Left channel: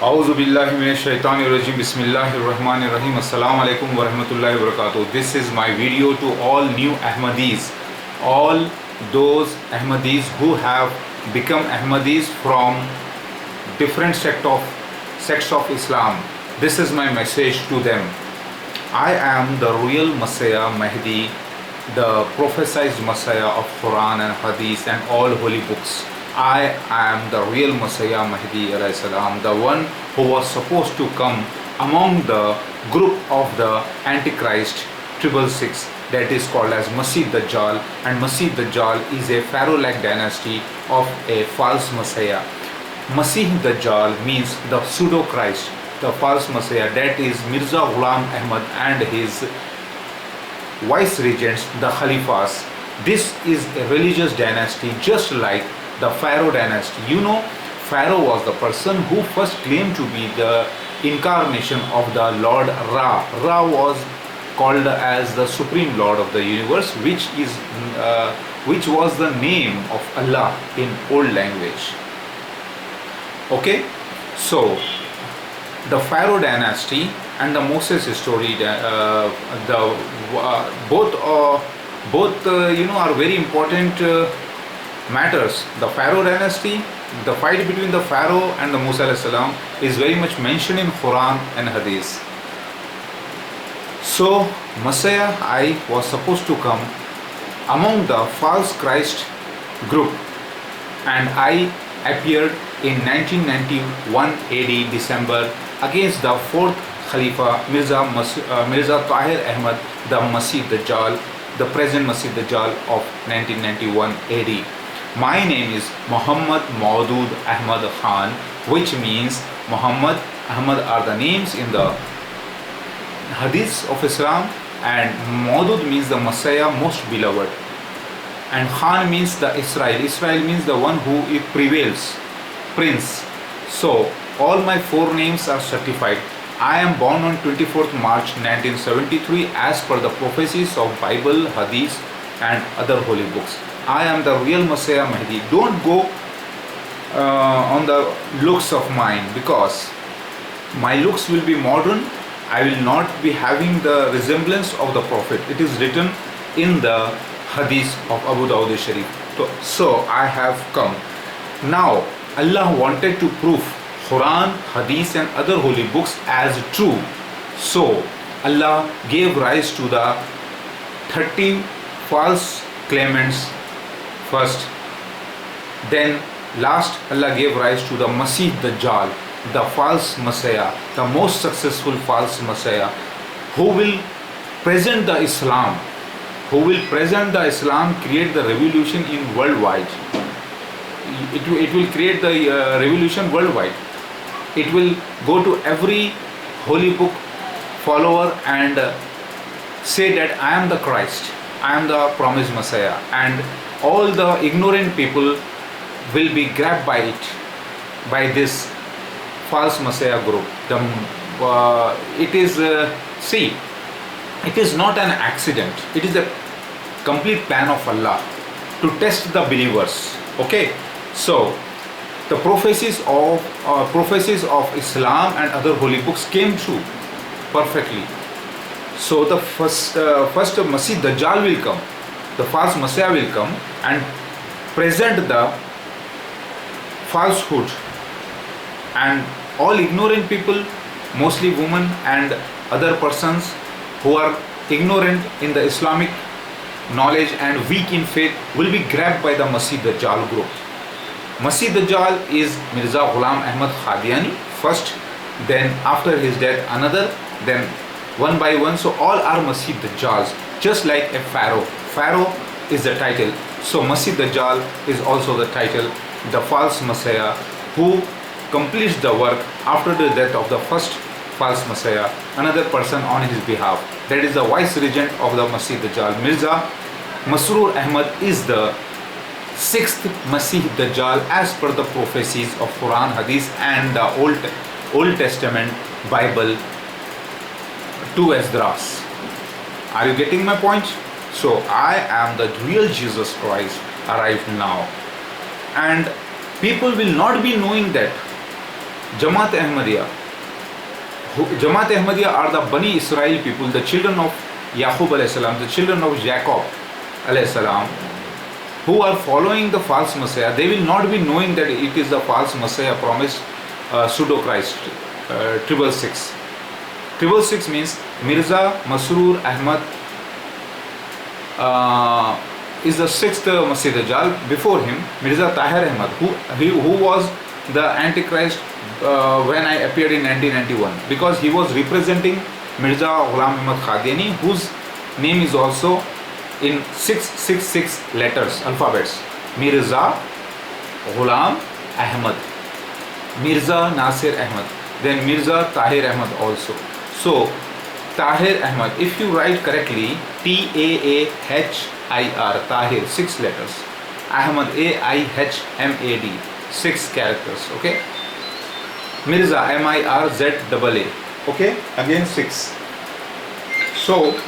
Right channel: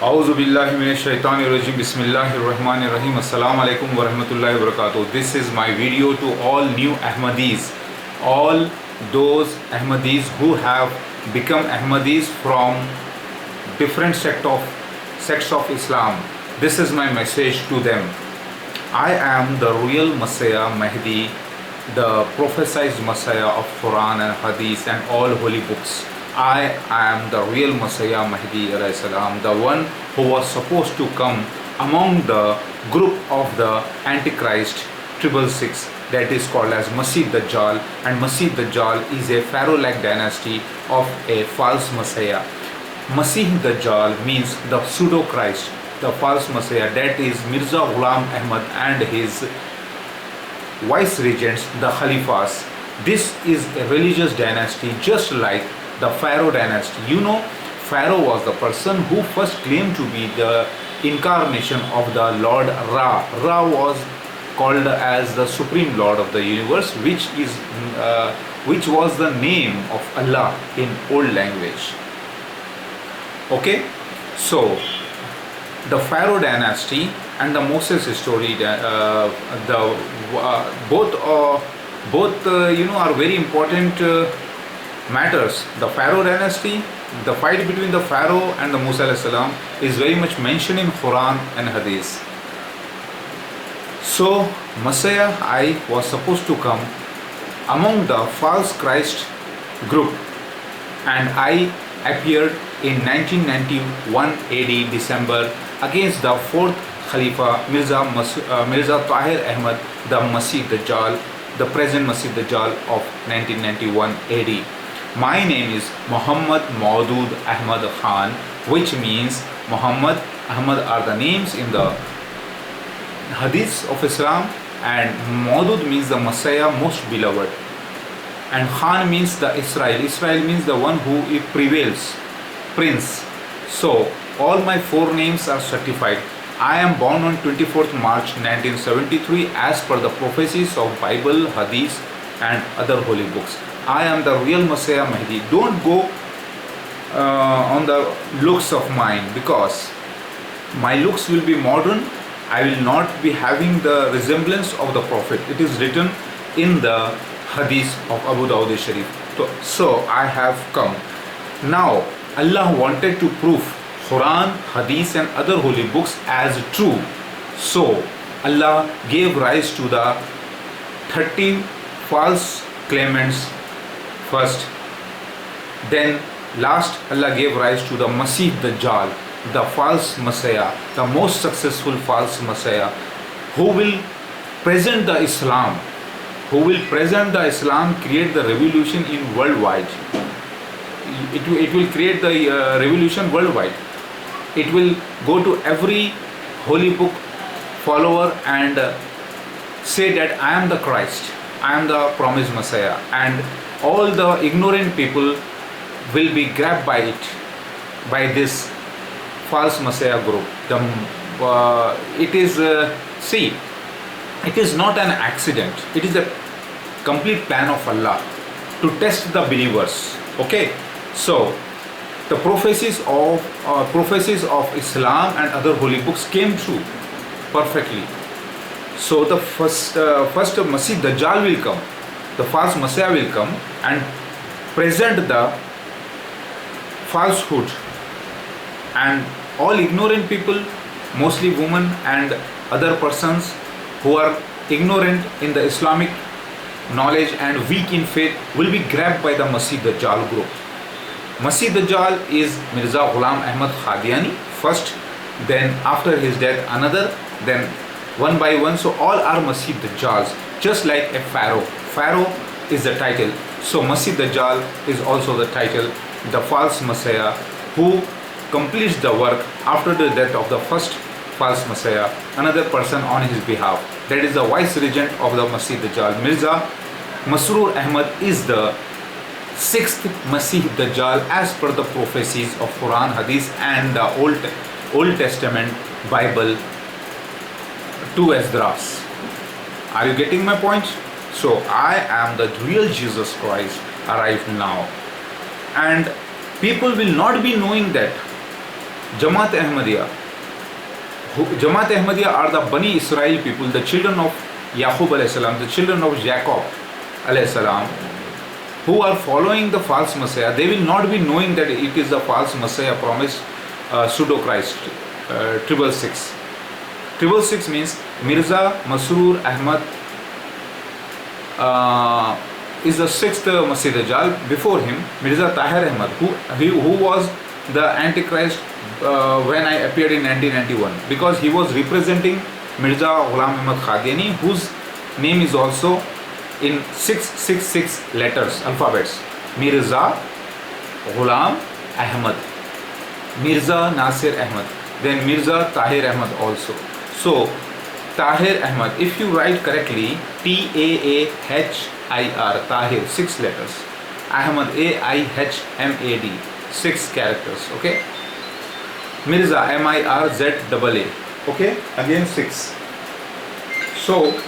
Auzubillahiminashaitanirrajim. Bismillahirrahmanirrahim. Assalamu alaikum wa rahmatullahi wa barakatuh. This is my video to all new Ahmadis, all those Ahmadis who have become Ahmadis from different sects of Islam. This is my message to them. I am the real Messiah Mahdi, the prophesied Messiah of Quran and Hadith and all holy books. I am the real Messiah Mahdi alayhi salam, the one who was supposed to come among the group of the Antichrist 666, that is called as Masih Dajjal, and Masih Dajjal is a pharaoh-like dynasty of a false Messiah. Masih Dajjal means the pseudo Christ, the false Messiah, that is Mirza Ghulam Ahmad and his vice regents, the Khalifas. This is a religious dynasty just like the Pharaoh dynasty. You know, Pharaoh was the person who first claimed to be the incarnation of the Lord Ra. Ra was called as the Supreme Lord of the universe, which was the name of Allah in old language. Okay, so the Pharaoh dynasty and the Moses story, both are very important matters. The Pharaoh dynasty, the fight between the Pharaoh and the Musa alayhi salam is very much mentioned in Quran and Hadith. So Messiah I was supposed to come among the false Christ group, and I appeared in 1991 AD December against the fourth Khalifa Mirza Tahir Ahmad, the Masih Dajjal, the present Masih Dajjal of 1991 AD. My name is Muhammad Maudud Ahmad Khan, which means Muhammad, Ahmad are the names in the Hadith of Islam, and Maudud means the Messiah most beloved, and Khan means the Israel. Israel means the one who prevails, prince. So all my four names are certified. I am born on 24th March 1973 as per the prophecies of Bible, Hadith and other holy books. I am the real Messiah Mahdi. Don't go on the looks of mine, because my looks will be modern. I will not be having the resemblance of the Prophet. It is written in the Hadith of Abu Dawud Sharif. So I have come. Now Allah wanted to prove Quran, Hadith and other holy books as true. So Allah gave rise to the 30 false claimants first. Then last Allah gave rise to the Masih Dajjal, the false Messiah, the most successful false Messiah, who will present the Islam, create the revolution in worldwide. It will create the revolution worldwide. It will go to every holy book follower and say that I am the Christ, I am the promised Messiah, and all the ignorant people will be grabbed by it, by this false Messiah group. It is not an accident. It is a complete plan of Allah to test the believers. Okay, so the prophecies of Islam and other holy books came true perfectly. So the first Masih Dajjal will come, the false Messiah will come and present the falsehood, and all ignorant people, mostly women and other persons who are ignorant in the Islamic knowledge and weak in faith, will be grabbed by the Masih Dajjal group. Masih Dajjal is Mirza Ghulam Ahmad Qadiani first, then after his death another, then one by one. So all are Masih Dajjals, just like a Pharaoh. Pharaoh is the title, so Masih Dajjal is also the title, the false Messiah who completes the work after the death of the first false Messiah, another person on his behalf. That is the vice regent of the Masih Dajjal. Mirza Masroor Ahmad is the sixth Masih Dajjal as per the prophecies of Quran, Hadith and the Old Testament Bible to Esdras. Are you getting my point? So I am the real Jesus Christ arrived now, and people will not be knowing that Jamaat Ahmadiyya. Jamaat Ahmadiyya are the Bani Israel people, the children of Yaqub alayhi salam, the children of Jacob alayhi salam, who are following the false Messiah. They will not be knowing that it is the false Messiah promised pseudo Christ. 666. 666 means Mirza Masroor Ahmad is the sixth Masih Dajjal. Before him, Mirza Tahir Ahmad, who was the Antichrist when I appeared in 1991, because he was representing Mirza Ghulam Ahmad Qadiani, whose name is also in 666 letters, alphabets. Mirza Ghulam Ahmad, Mirza Nasir Ahmad, then Mirza Tahir Ahmad also. So Tahir Ahmad, if you write correctly, Taahir, Tahir, 6 letters, Ahmad, Ahmad, 6 characters, okay. Mirza, Mirza, okay, again 6. So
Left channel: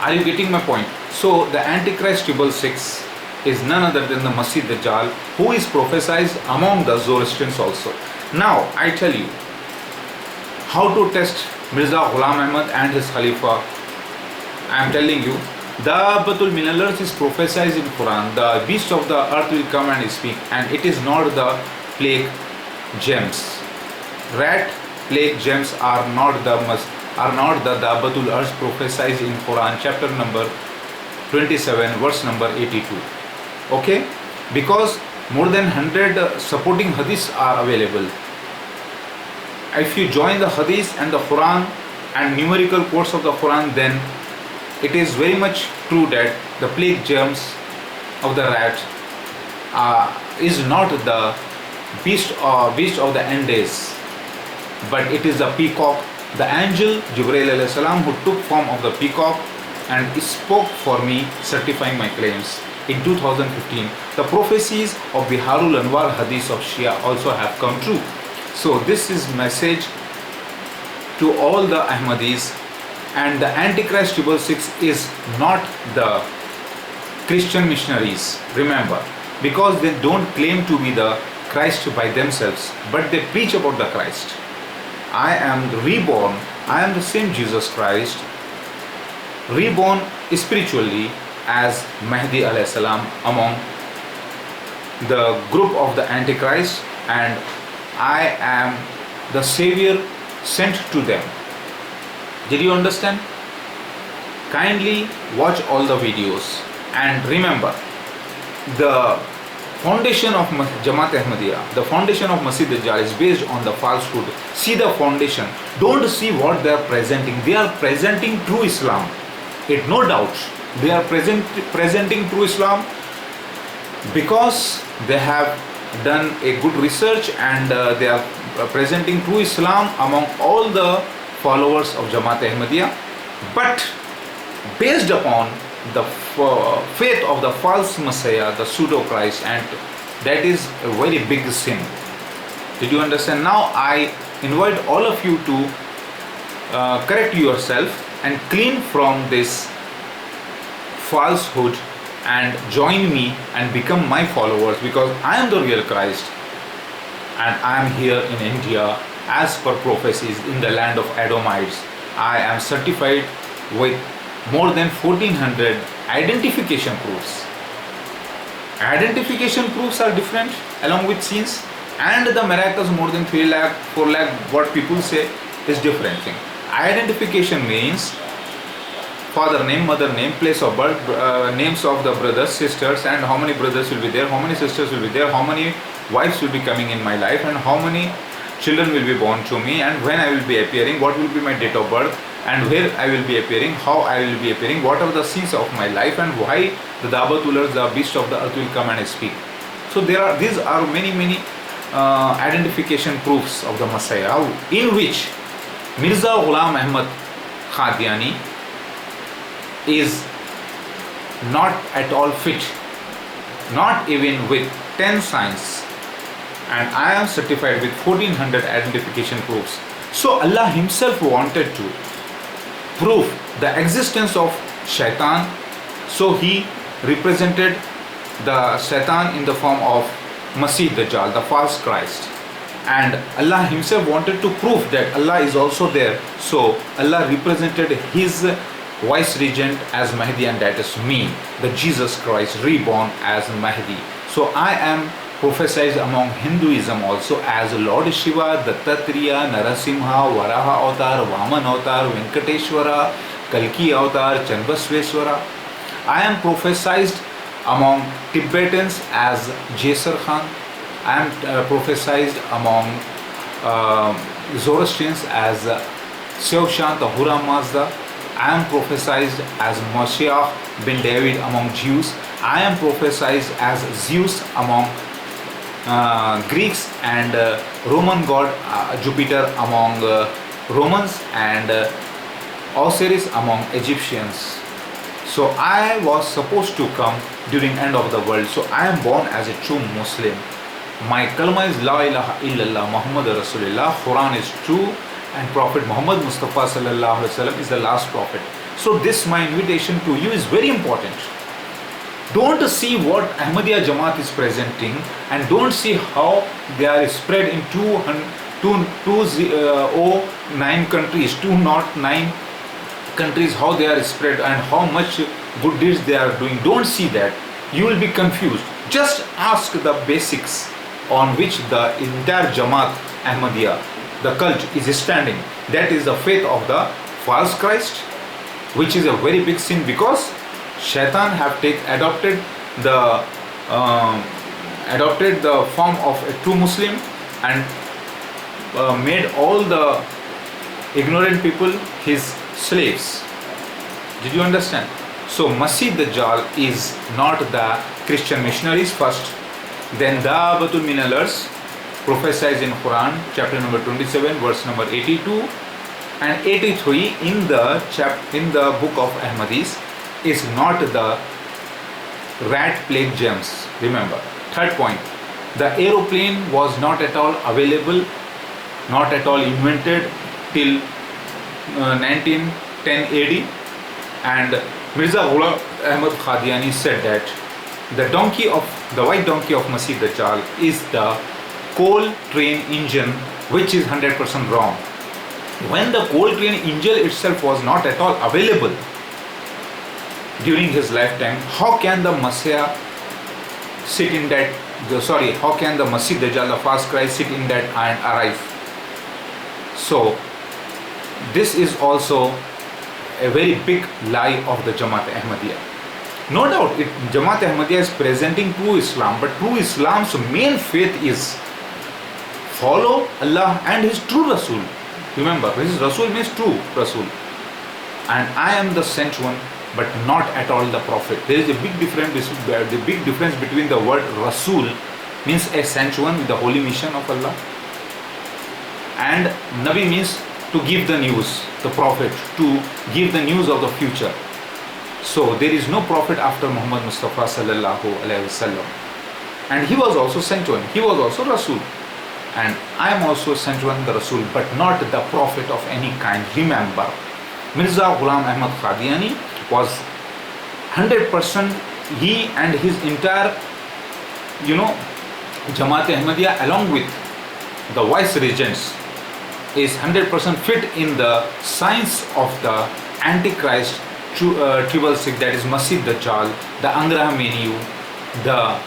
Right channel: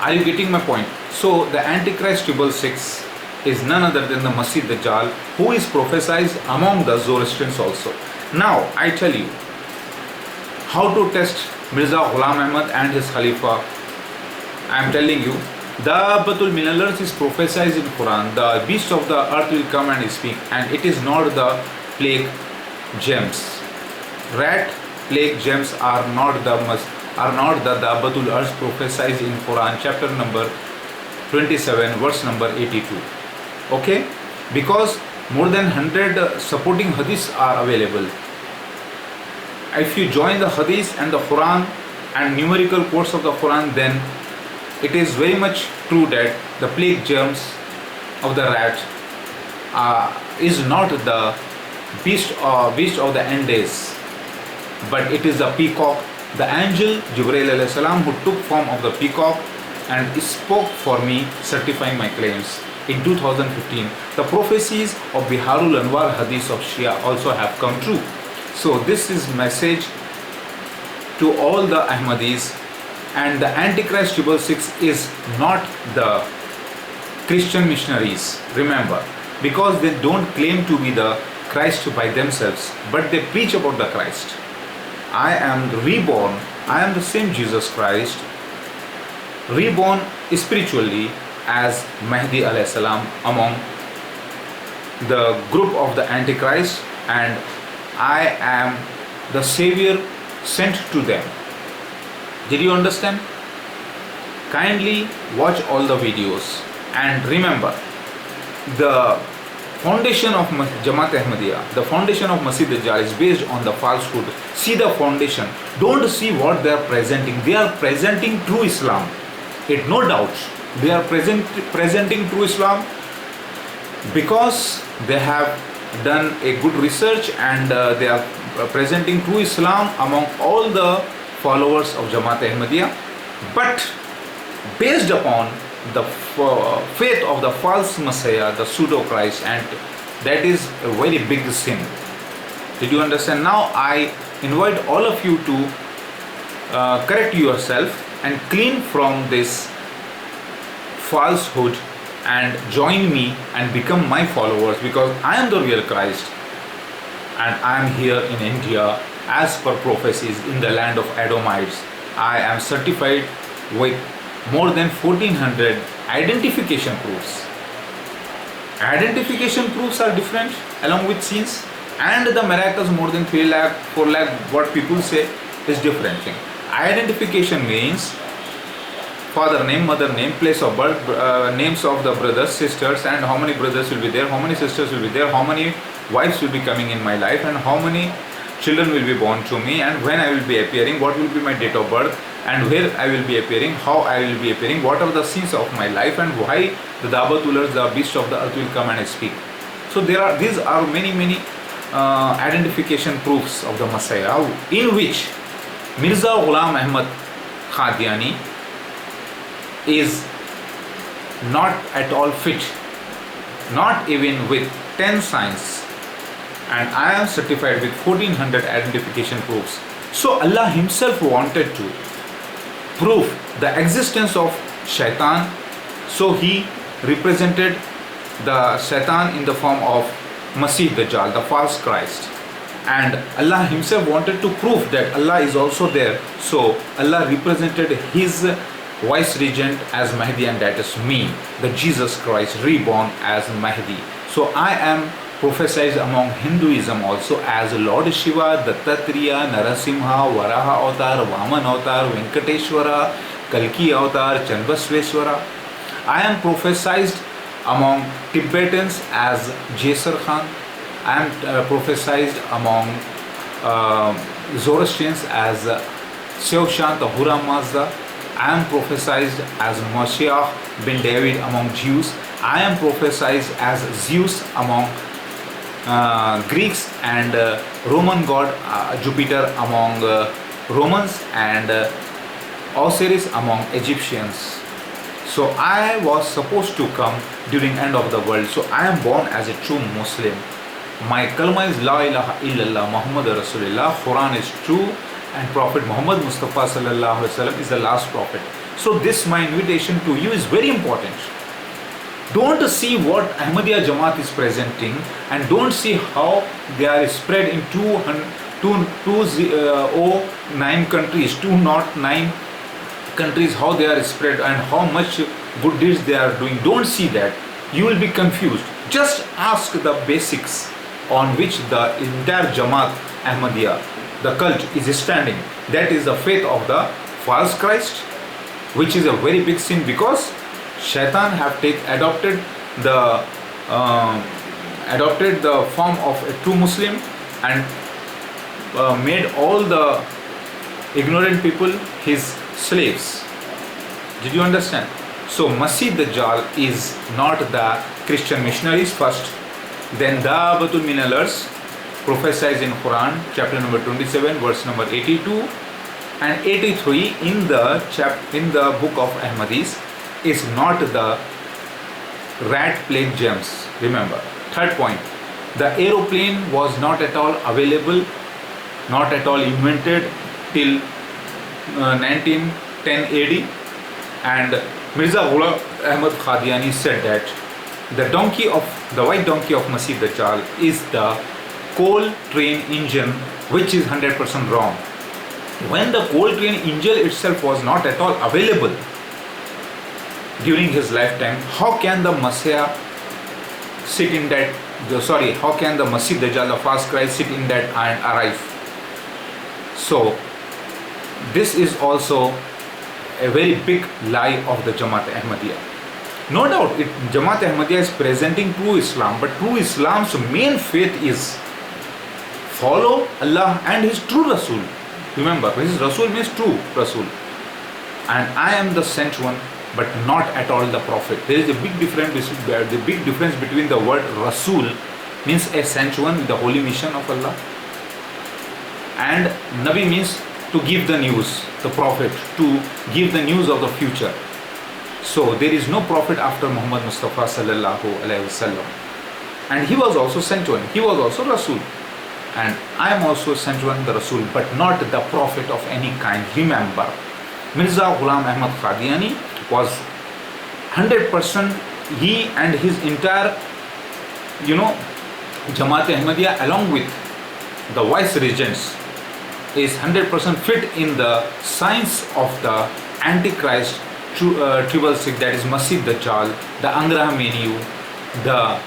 are you getting my point? So the Antichrist 666 is none other than the Masih Dajjal, who is prophesied among the Zoroastrians also. Now I tell you how to test Mirza Ghulam Ahmad and his Khalifa. I am telling you, the Batul Minallars is prophesied in Quran. The beast of the earth will come and speak, and it is not the plague gems. Rat plague gems are not the Dabbatul Earth prophesied in Quran, chapter number 27, verse number 82. Okay? Because more than 100 supporting hadiths are available. If you join the hadith and the Quran and numerical quotes of the Quran, then it is very much true that the plague germs of the rat is not the beast of the end days, but it is the peacock, the angel Jibreel alayhi salam, who took form of the peacock and spoke for me, certifying my claims in 2015. The prophecies of Biharul Anwar hadith of Shia also have come true. So this is message to all the Ahmadis. And the Antichrist 666 is not the Christian missionaries, remember, because they don't claim to be the Christ by themselves, but they preach about the Christ. I am reborn, I am the same Jesus Christ, reborn spiritually as Mahdi alayhi salam among the group of the Antichrist, and I am the Savior sent to them. Did you understand? Kindly watch all the videos and remember, the foundation of Jamaat Ahmadiyya, the foundation of Masih Dajjal is based on the falsehood. See the foundation. Don't see what they are presenting. They are presenting true Islam. It no doubt. They are presenting true Islam because they have done a good research, and they are presenting true Islam among all the followers of Jamaat Ahmadiyya, but based upon the faith of the false Messiah, the pseudo Christ, and that is a very big sin. Did you understand? Now I invite all of you to correct yourself and clean from this falsehood and join me and become my followers, because I am the real Christ and I am here in India as per prophecies in the land of Edomites. I am certified with more than 1400 identification proofs. Identification proofs are different along with scenes, and the miracles more than 3 lakh, 4 lakh, what people say is different thing. Identification means father name, mother name, place of birth, names of the brothers, sisters, and how many brothers will be there, how many sisters will be there, how many wives will be coming in my life, and how many children will be born to me, and when I will be appearing, what will be my date of birth, and where I will be appearing, how I will be appearing, what are the scenes of my life, and why the Dabatulars, the beast of the earth, will come and speak. So these are many identification proofs of the Messiah, in which Mirza Ghulam Ahmad Qadiani is not at all fit, not even with 10 signs, and I am certified with 1400 identification proofs. So Allah himself wanted to prove the existence of Shaitan, so he represented the Shaitan in the form of Masih Dajjal, the false Christ, and Allah himself wanted to prove that Allah is also there. So Allah represented his vice regent as Mahdi, and that is me, the Jesus Christ reborn as Mahdi. So I am prophesied among Hinduism also as Lord Shiva, Dattatreya, Narasimha, Varaha Avatar, Vaman Avatar, Venkateshwara, Kalki Avatar, Chanbasveshwara. I am prophesied among Tibetans as Jaisar Khan. I am prophesied among Zoroastrians as Shivshant Ahura Mazda. I am prophesied as Moshiach bin David among Jews. I am prophesied as Zeus among Greeks, and Roman god Jupiter among Romans, and Osiris among Egyptians. So I was supposed to come during end of the world. So I am born as a true Muslim. My kalma is La ilaha illallah Muhammad Rasulullah. Quran is true, and Prophet Muhammad Mustafa sallallahu alaihi wasallam is the last prophet. So this my invitation to you is very important. Don't see what Ahmadiyya Jamaat is presenting, and don't see how they are spread in 209 countries, 209 countries, how they are spread and how much good deeds they are doing. Don't see that. You will be confused. Just ask the basics on which the entire Jamaat Ahmadiyya, the cult, is standing. That is the faith of the false Christ, which is a very big sin, because Shaitan have adopted the form of a true Muslim, and made all the ignorant people his slaves. Did you understand? So Masih Dajjal is not the Christian missionaries first, then Da'watul min al-Ars prophesied in Quran chapter number 27 verse number 82 and 83 in the book of Ahmadis is not the rat plague gems. Remember. Third point, the aeroplane was not at all available, not at all invented till 1910 AD, and Mirza Ghulam Ahmad Qadiani said that the white donkey of Masih Dajjal is the coal train engine, which is 100% wrong. When the coal train engine itself was not at all available during his lifetime, how can the Messiah sit in that, how can the Masih Dajjal, the false Christ, sit in that and arrive? So this is also a very big lie of the Jamaat Ahmadiyya. No doubt Jamaat Ahmadiyya is presenting true Islam, but true Islam's main faith is follow Allah and his true Rasul. Remember, his Rasul means true Rasul, and I am the sent one, but not at all the prophet. There is a big difference. The big difference between the word Rasul means a sent one with the holy mission of Allah, and Nabi means to give the news, the prophet to give the news of the future. So there is no prophet after Muhammad Mustafa sallallahu alaihi wasallam, and he was also sent one. He was also Rasul, and I am also sent one, the Rasul, but not the prophet of any kind. Remember, Mirza Ghulam Ahmad Qadiani was 100%, he and his entire Jamaat Ahmadiyya along with the vice regents is 100% fit in the science of the Antichrist, Triple Six, that is Masih Dajjal, the Angra Mainyu, the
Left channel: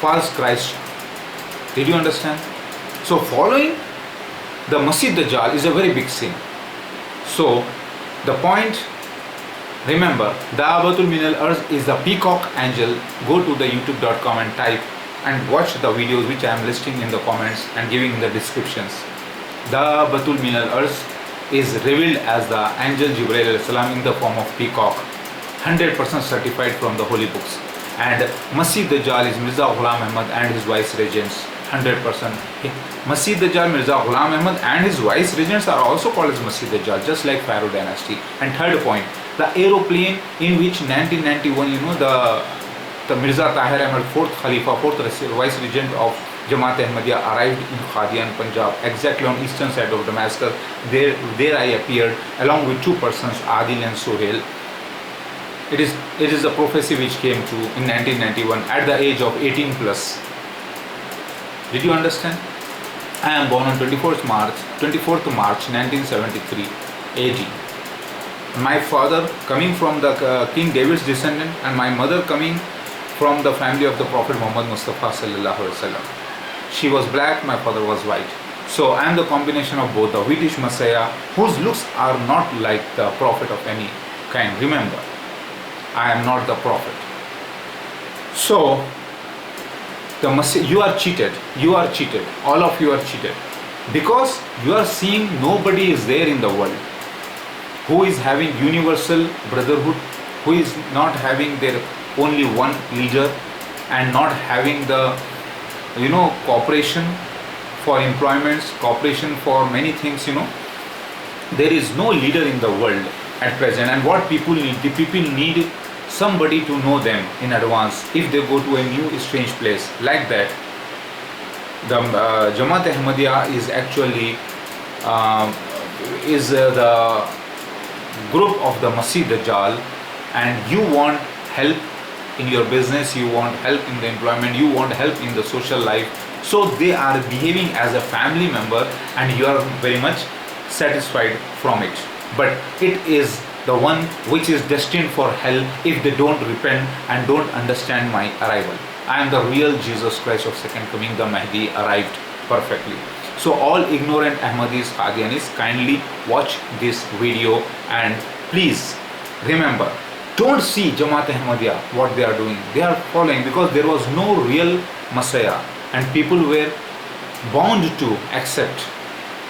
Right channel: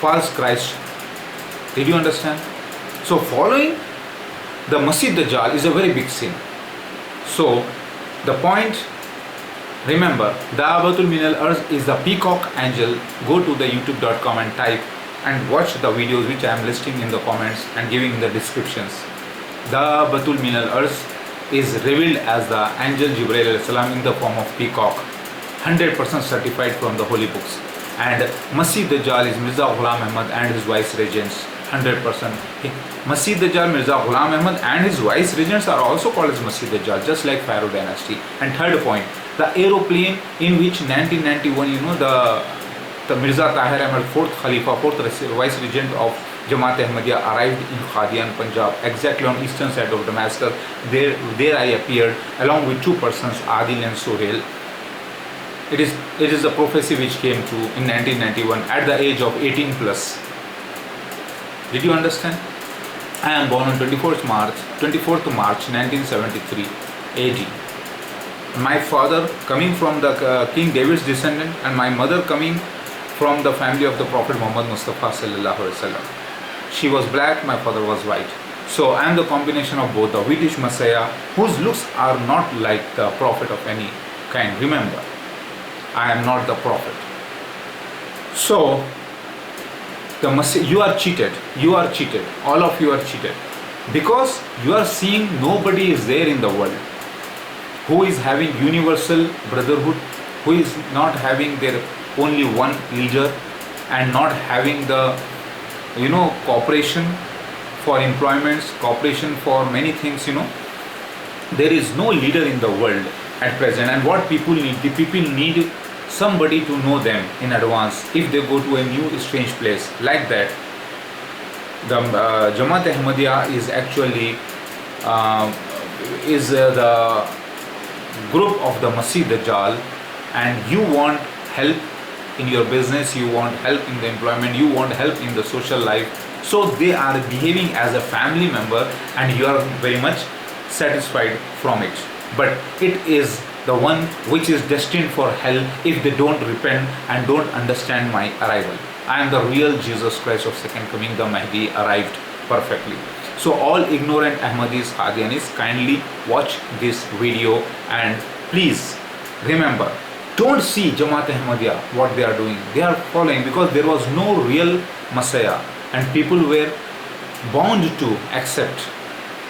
false Christ. Did you understand? So following the Masih Dajjal is a very big sin. So the point, remember, Da'watul min al-Ars is the peacock angel. Go to the youtube.com and type and watch the videos which I am listing in the comments and giving in the descriptions. Da'watul min al-Ars is revealed as the angel Jibreel alayhi salam in the form of peacock, 100% certified from the holy books. And Masih Dajjal is Mirza Ghulam Ahmad and his vice regents, 100%. Masih Dajjal, Mirza Ghulam Ahmad and his vice regents are also called as Masih Dajjal, just like Pharaoh dynasty. And third point, the aeroplane in which 1991, the Mirza Tahir Ahmad, fourth Khalifa, fourth vice regent of Jamaat Ahmadiyya, arrived in Qadian, Punjab, exactly on eastern side of Damascus. There I appeared along with two persons, Adil and Sohail. It is a prophecy which came true in 1991 at the age of 18 plus. Did you understand? I am born on 24th March 1973 AD. My father coming from the King David's descendant, and my mother coming from the family of the Prophet Muhammad Mustafa sallallahu alaihi wasallam. She was black, my father was white. So I am the combination of both, the wheatish Messiah, whose looks are not like the prophet of any kind. Remember, I am not the prophet. So the Messiah, you are cheated. You are cheated. All of you are cheated, because you are seeing nobody is there in the world who is having universal brotherhood, who is not having their only one leader, and not having the cooperation for employments, cooperation for many things. There is no leader in the world at present, and what people need, the people need somebody to know them in advance if they go to a new strange place like that. The Jamaat Ahmadiyya is actually the group of the Masih Dajjal, and you want help in your business, you want help in the employment, you want help in the social life. So they are behaving as a family member, and you are very much satisfied from it. But it is the one which is destined for hell if they don't repent and don't understand my arrival. I am the real Jesus Christ of second coming. The Mahdi arrived perfectly. So all ignorant Ahmadis, Qadianis, kindly watch this video, and please remember, don't see Jamaat Ahmadiyya what they are doing. They are following because there was no real Messiah, and people were bound to accept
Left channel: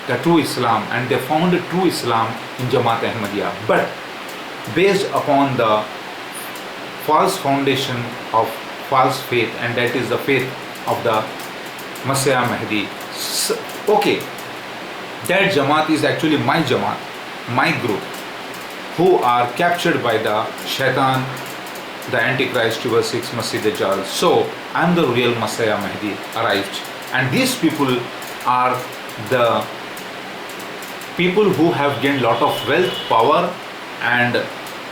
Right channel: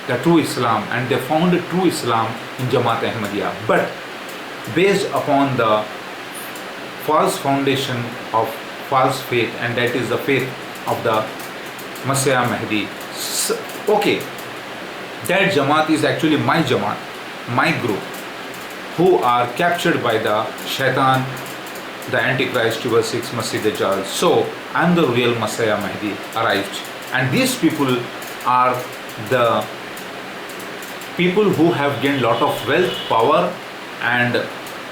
the true Islam, and they found the true Islam in Jamaat Ahmadiyya. But based upon the false foundation of false faith, and that is the faith of the Messiah Mahdi. Okay, that Jamaat is actually my Jamaat, my group, who are captured by the Shaitan, the Antichrist, 6 Masih Dajjal. So I am the real Messiah Mahdi arrived, and these people are the people who have gained lot of wealth, power, and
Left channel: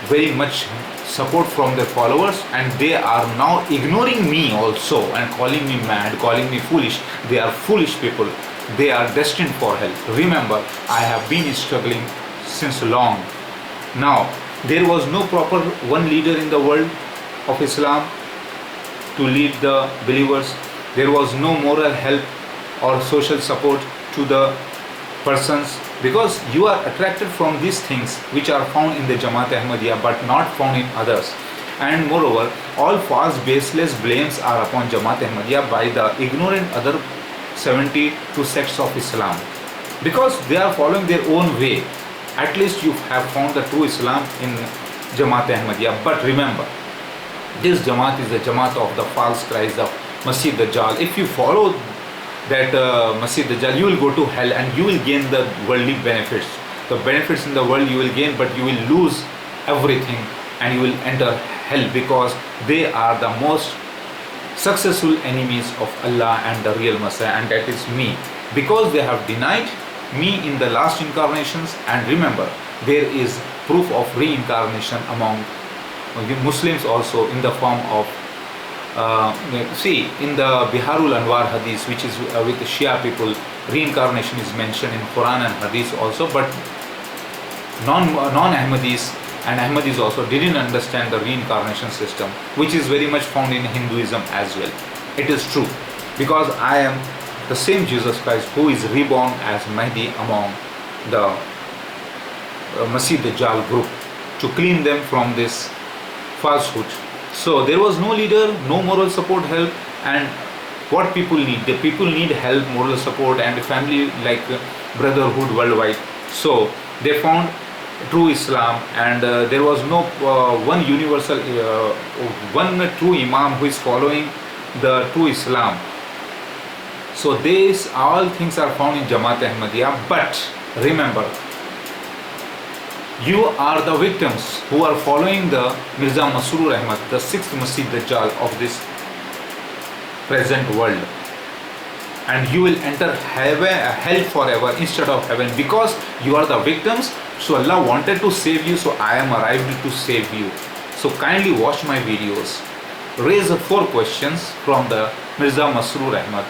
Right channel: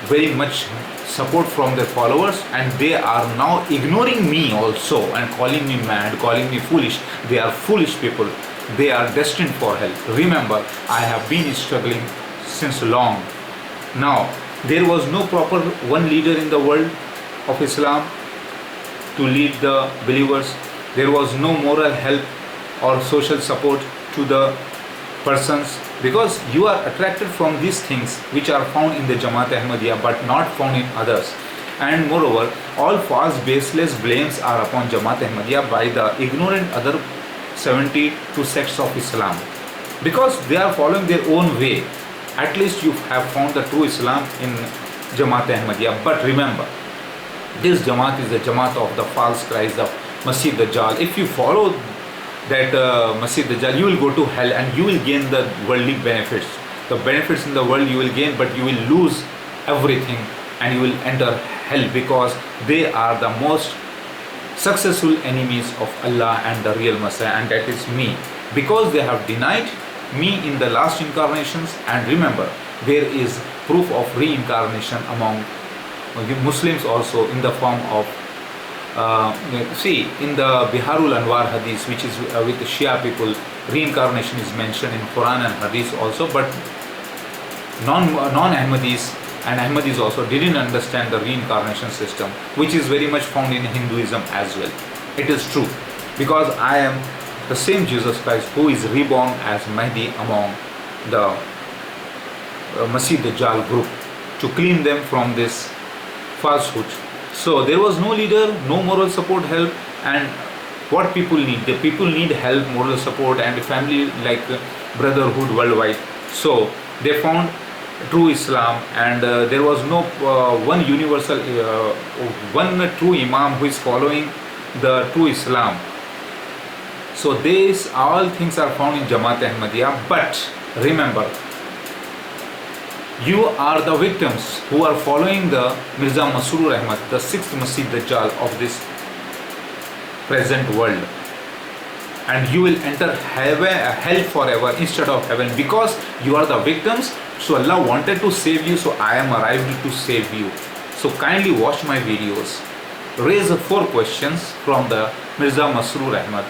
very much support from their followers, and they are now ignoring me also and calling me mad, calling me foolish. They are foolish people. They are destined for hell. Remember, I have been struggling since long. Now, there was no proper one leader in the world of Islam to lead the believers. There was no moral help or social support to the persons, because you are attracted from these things which are found in the Jamaat Ahmadiyya but not found in others. And moreover, all false baseless blames are upon Jamaat Ahmadiyya by the ignorant other 72 sects of Islam, because they are following their own way. At least you have found the true Islam in Jamaat Ahmadiyya. But remember, this Jamaat is the Jamaat of the false Christ, the Masih Dajjal. If you follow that Masih Dajjal, you will go to hell, and you will gain the worldly benefits. The benefits in the world you will gain, but you will lose everything, and you will enter hell, because they are the most successful enemies of Allah and the real Messiah, and that is me, because they have denied me in the last incarnations. And remember, there is proof of reincarnation among the Muslims also in the form of in the Biharul Anwar Hadith, which is with the Shia people, reincarnation is mentioned in Quran and Hadith also, but non-Ahmadis and Ahmadis also didn't understand the reincarnation system, which is very much found in Hinduism as well. It is true, because I am the same Jesus Christ who is reborn as Mahdi among the Masih Dajjal group, to clean them from this falsehood. So there was no leader, no moral support, help, and what people need, the people need help, moral support, and family like brotherhood worldwide. So they found true Islam, and there was no one universal, one true Imam who is following the true Islam. So these all things are found in Jamaat Ahmadiyya. But remember, you are the victims who are following the Mirza Masroor Ahmad, the 6th Masih Dajjal of this present world, and you will enter hell forever instead of heaven, because you are the victims. So Allah wanted to save you, so I am arrived to save you. So kindly watch my videos. Raise 4 questions from the Mirza Masroor Ahmad,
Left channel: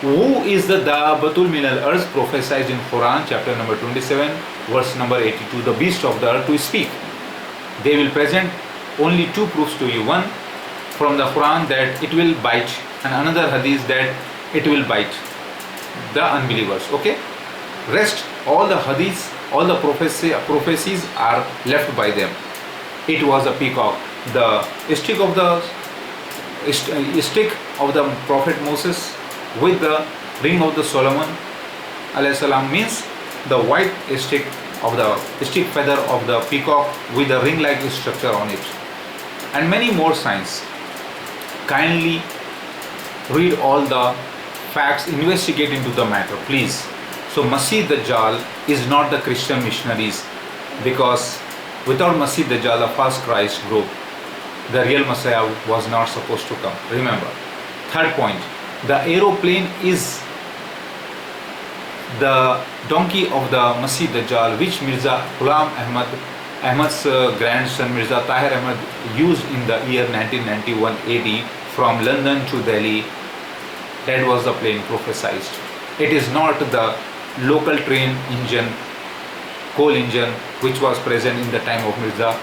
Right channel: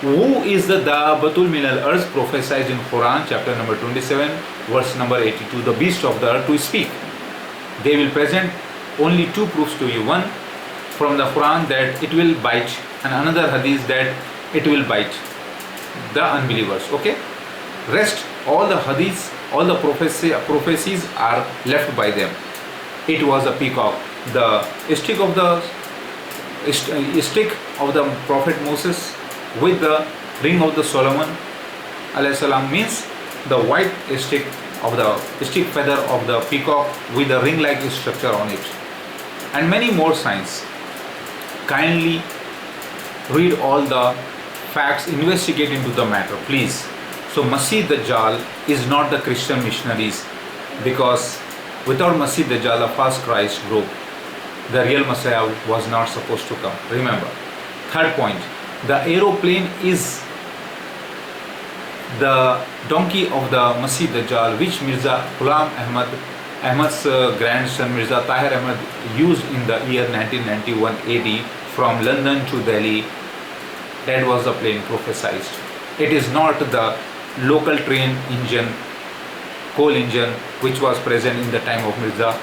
Who is the Dabbatul min al earth prophesied in Quran chapter number 27 verse number 82? The beast of the earth to speak. They will present only two proofs to you. One from the Quran that it will bite, and another hadith that it will bite the unbelievers. Okay? Rest, all the hadiths, all the prophecies are left by them. It was a peacock. The stick of the Prophet Moses with the ring of the Solomon alayhi salam means the white stick of the stick feather of the peacock with a ring like structure on it, and many more signs. Kindly read all the facts, investigate into the matter, please. So Masih Dajjal is not the Christian missionaries, because without Masih Dajjal, a false Christ group, the real Messiah was not supposed to come. Remember. Third point, the aeroplane is the donkey of the Masih Dajjal, which Mirza Ghulam Ahmad's grandson Mirza Tahir Ahmad used in the year 1991 AD from London to Delhi. That was the plane prophesied. It is not the local train engine, coal engine, which was present in the time of Mirza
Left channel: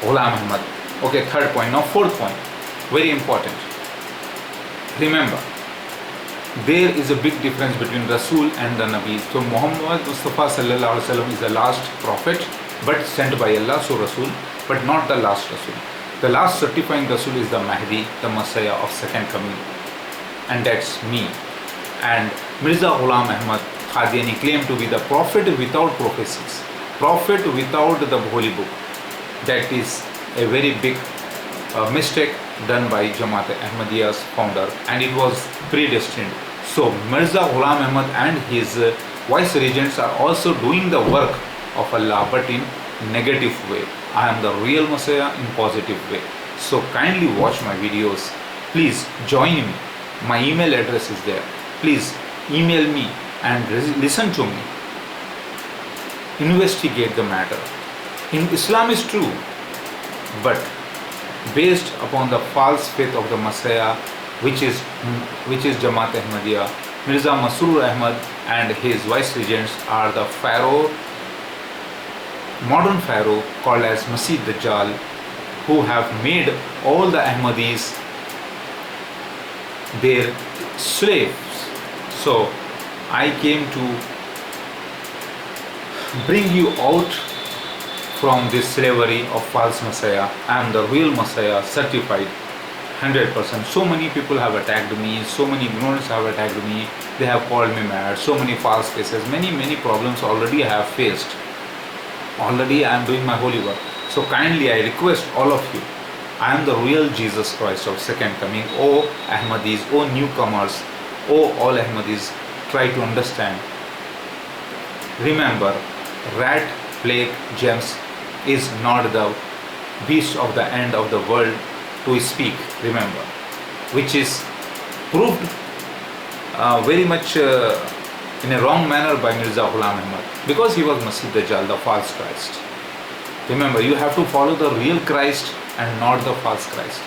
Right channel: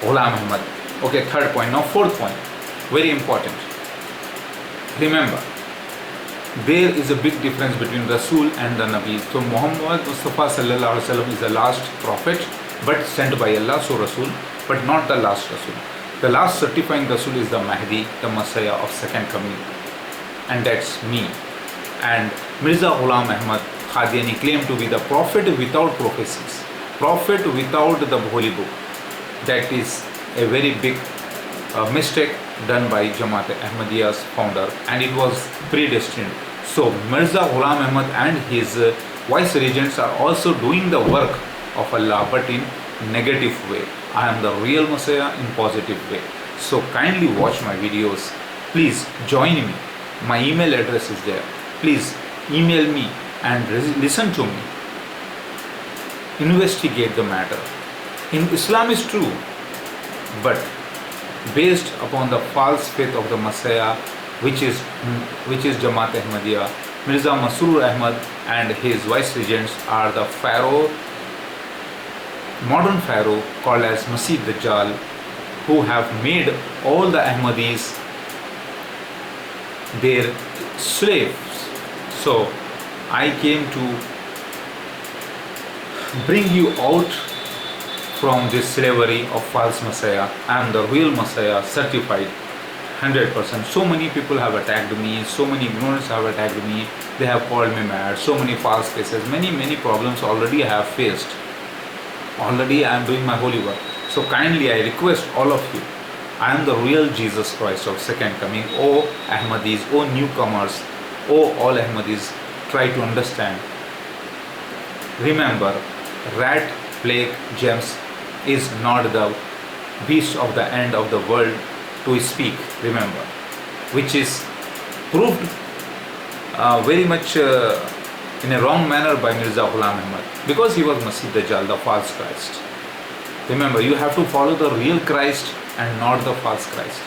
Ghulam Ahmad. Okay, third point. Now fourth point, very important. Remember, there is a big difference between Rasul and the Nabi. So Muhammad Mustafa sallallahu alaihi wasallam is the last prophet, but sent by Allah, so Rasul, but not the last Rasul. The last certifying Rasul is the Mahdi, the Messiah of second coming, and that's me. And Mirza Ghulam Ahmad Qadiani claimed to be the prophet without prophecies, prophet without the holy book. That is a very big mistake done by Jamaat Ahmadiyya's founder, and it was predestined. So Mirza Ghulam Ahmad and his vice regents are also doing the work of Allah, but in negative way. I am the real Messiah in positive way. So kindly watch my videos. Please join me. My email address is there. Please email me and listen to me. Investigate the matter. In Islam is true, but based upon the false faith of the Messiah, which is Jamaat Ahmadiyya. Mirza Masroor Ahmad and his vice regents are the pharaoh, modern pharaoh called as Masih Dajjal, who have made all the Ahmadis their slaves. So I came to bring you out from this slavery of false Messiah. I am the real Messiah, certified 100%. So many people have attacked me, so many ignorants have attacked me, they have called me mad, so many false cases, many problems already I have faced. Already I am doing my holy work. So kindly I request all of you, I am the real Jesus Christ of second coming. O Ahmadis, O newcomers, O all Ahmadis, try to understand. Remember, rat, plague, gems is not the beast of the end of the world to speak. Remember, which is proved very much in a wrong manner by Mirza Ghulam Ahmad, because he was Masih Dajjal, the false Christ. Remember, you have to follow the real Christ and not the false Christ.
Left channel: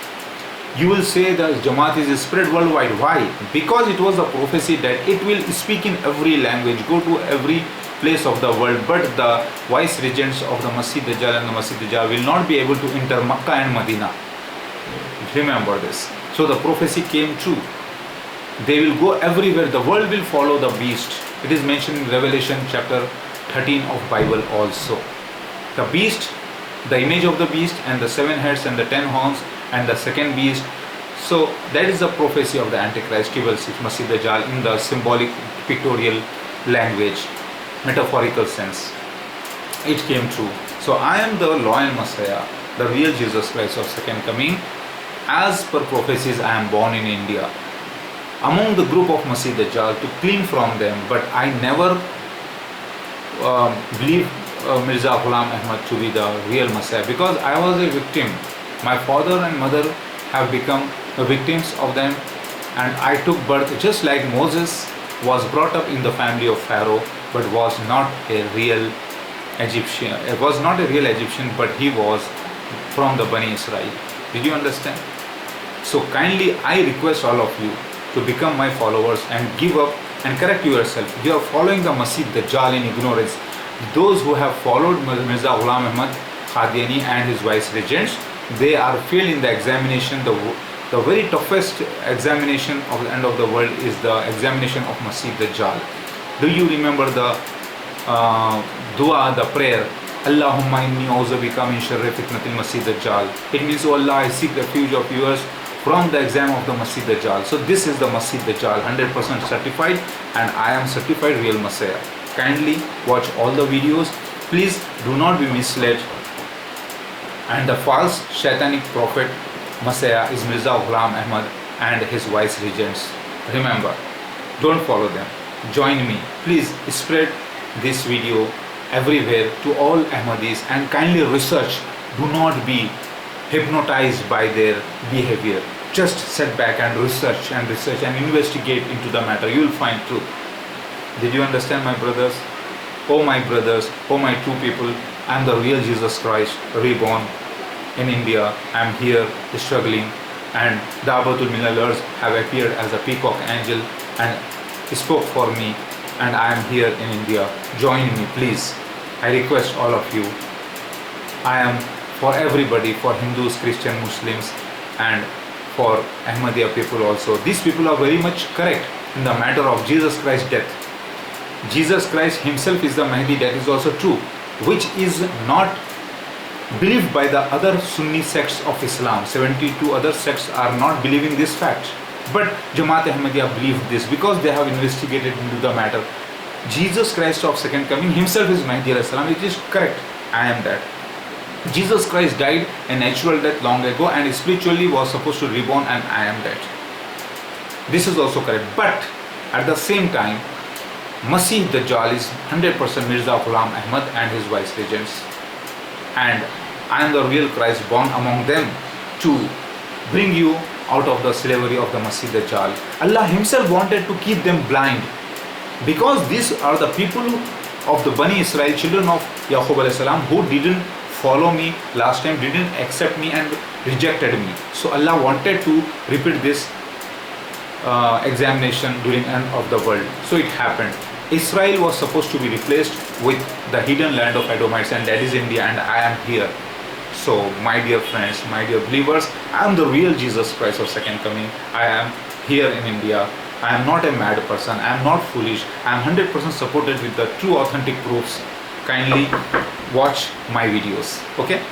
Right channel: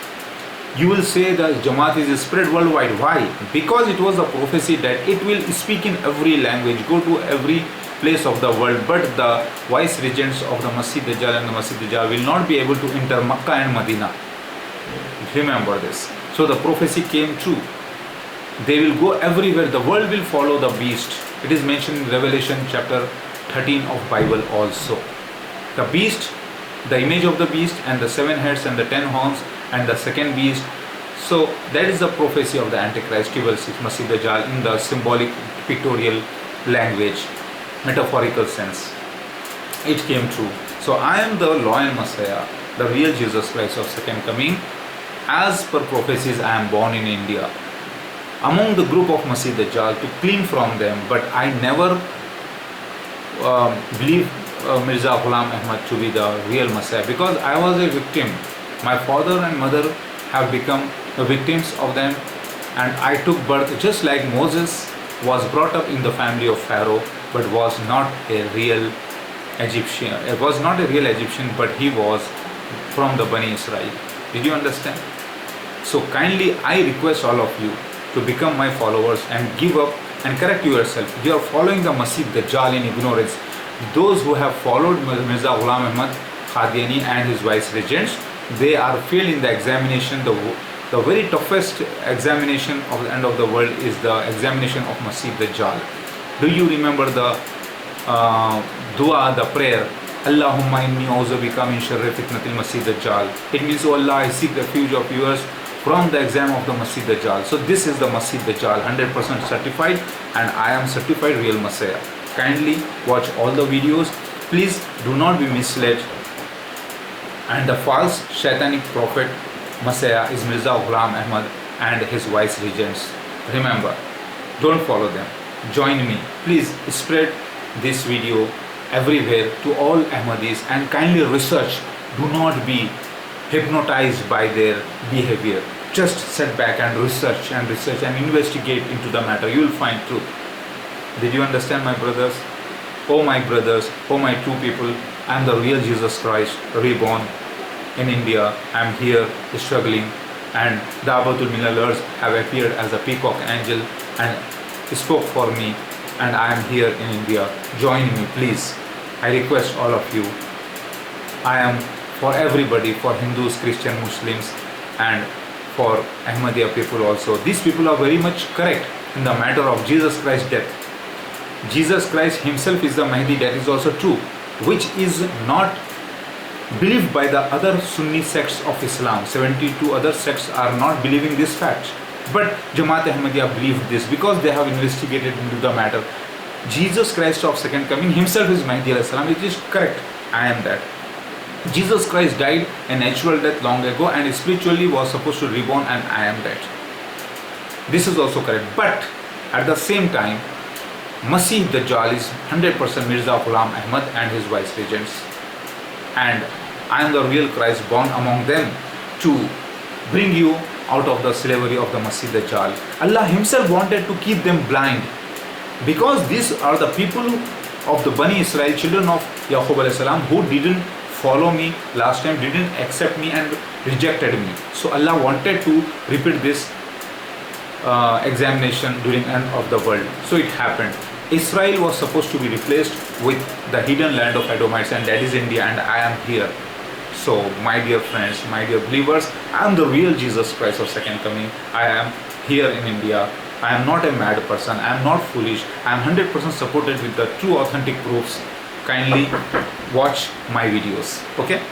You will say that Jamaat is spread worldwide. Why? Because it was a prophecy that it will speak in every language, go to every place of the world, but the vice regents of the Masih Dajjal and the Masih Dajjal will not be able to enter Makkah and Medina. Remember this. So the prophecy came true. They will go everywhere. The world will follow the beast. It is mentioned in Revelation chapter 13 of Bible also. The beast, the image of the beast, and the 7 heads and the 10 horns and the second beast. So that is the prophecy of the Antichrist, Masih Dajjal, in the symbolic pictorial language, metaphorical sense. It came true. So I am the loyal Messiah, the real Jesus Christ of second coming. As per prophecies, I am born in India, among the group of Masih Dajjal, to clean from them. But I never believed Mirza Ghulam Ahmad to be the real Messiah, because I was a victim. My father and mother have become the victims of them, and I took birth just like Moses was brought up in the family of Pharaoh, but was not a real Egyptian. It was not a real Egyptian, but he was from the Bani Israel. Did you understand? So kindly I request all of you, to become my followers and give up and correct yourself. You are following the Masih Dajjal in ignorance. Those who have followed Mirza Ghulam Ahmad Qadiani and his vice-regents, they are failed in the examination. The very toughest examination of the end of the world is the examination of Masih Dajjal. Do you remember the dua, the prayer? Allahumma inni auzu bika min sharri fitnatil Masih Dajjal. It means, oh Allah, I seek refuge of yours from the exam of the Masih Dajjal. So this is the Masih Dajjal, 100% certified, and I am certified real Messiah. Kindly watch all the videos. Please do not be misled. And the false shaitanic prophet Messiah is Mirza Ghulam Ahmad and his vice-regents. Remember, don't follow them. Join me. Please spread this video everywhere to all Ahmadis and kindly research. Do not be hypnotized by their behavior. Just sit back and research and investigate into the matter. You will find truth. Did you understand, my brothers? Oh my brothers, oh my true people, I am the real Jesus Christ, reborn in India. I am here struggling, and Da'watul Millalers have appeared as a peacock angel and spoke for me, and I am here in India. Join me, please. I request all of you. I am for everybody, for Hindus, Christian, Muslims, and for Ahmadiyya people also. These people are very much correct in the matter of Jesus Christ's death. Jesus Christ himself is the Mahdi, that is also true, which is not believed by the other Sunni sects of Islam. 72 other sects are not believing this fact. But Jamaat Ahmadiyya believe this because they have investigated into the matter. Jesus Christ of second coming himself is Mahdi alayhi salam. It is correct. I am that. Jesus Christ died a natural death long ago and spiritually was supposed to reborn, and I am that. This is also correct. But at the same time, Masih Dajjal is 100% Mirza Ghulam Ahmad and his vice-regents. And I am the real Christ born among them to bring you out of the slavery of the Masih Dajjal. Allah himself wanted to keep them blind, because these are the people of the Bani Israel, children of Yaqub alayhi salam, who didn't follow me last time, didn't accept me and rejected me. So Allah wanted to repeat this examination during end of the world. So it happened. Israel was supposed to be replaced with the hidden land of Edomites, and that is India, and I am here. So my dear friends, my dear believers, I am the real Jesus Christ of second coming. I am here in India. I am not a mad person. I am not foolish. I am 100% supported with the true authentic proofs. Kindly watch my videos. Okay.